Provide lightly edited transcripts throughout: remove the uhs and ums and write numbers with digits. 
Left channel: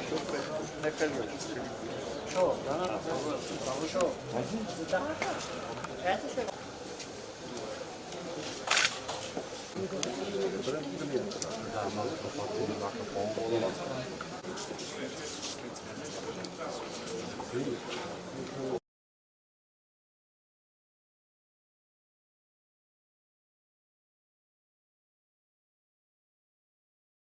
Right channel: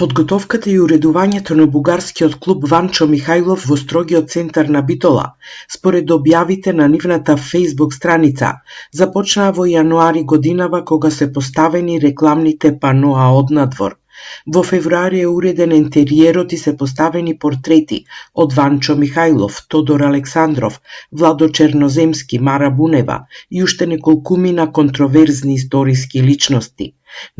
Подготовката и уредувањето на бугарскиот клуб Ванчо Михајлов во строгиот центар на Битола, според објавите на нивната Facebook страница, започнаа во јануари годинава кога се поставени рекламните паноа однадвор. Во февруари е уреден ентериерот и се поставени портрети од Ванчо Михајлов, Тодор Александров, Владо Черноземски, Мара Бунева и уште неколкумина контроверзни историски личности.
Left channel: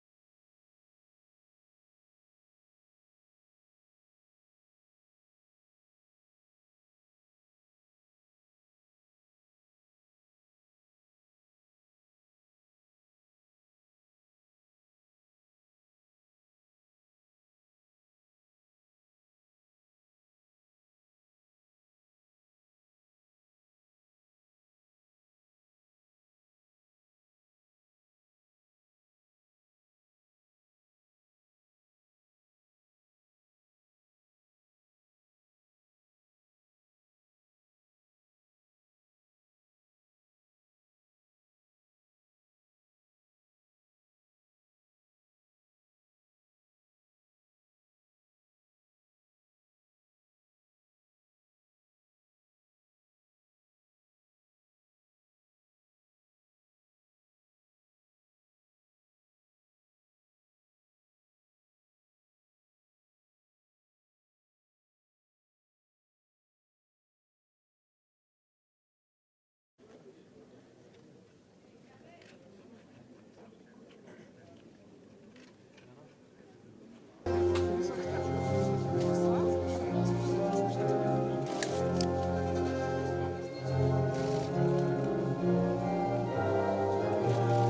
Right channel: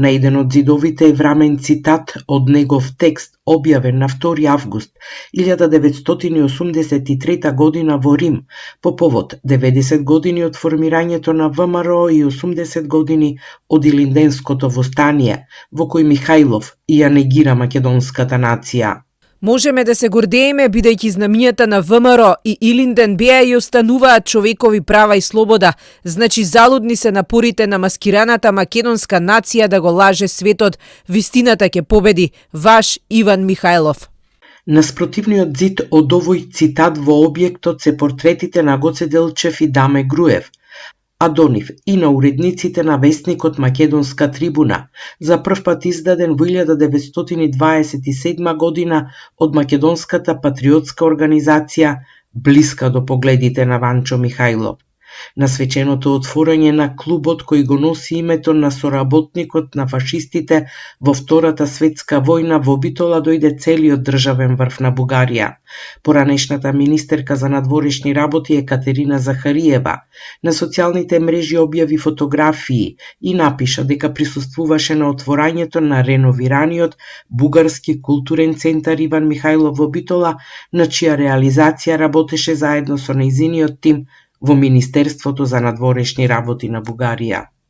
На еден од зидовите е врамен цитат од негов текст, објавен на 2 август 1983 година во Рим, по повод 90 години од формирањето на ВМРО и 80 години од Илинденското востание, во кој Михајлов ја негира македонската нација. Можеме да се гордееме бидејќи знамињата на ВМРО и Илинден беа и остануваат човекови права и слобода, значи залудни се напорите на маскираната македонска нација да го лаже светот, вистината ќе победи, ваш Иван Михајлов. На спротивниот зид од овој цитат во објектот се портретите на Гоце Делчев и Даме Груев, а до нив и на уредниците на весникот Македонска трибуна, за прв пат издаден во 1927 година од македонската патриотска организација, блиска до погледите на Ванчо Михајлов. На свеченото отворање на клубот кој го носи името на соработникот на фашистите во Втората светска војна во Битола дојде целиот државен врв на Бугарија. Поранешната министерка за надворешни работи Екатерина Захариева на социјалните мрежи објави фотографии и напиша дека присуствуваше на отворањето на реновираниот бугарски културен центар Иван Михајлов во Битола, на чија реализација работеше заедно со нејзиниот тим во Министерството за надворешни работи на Бугарија.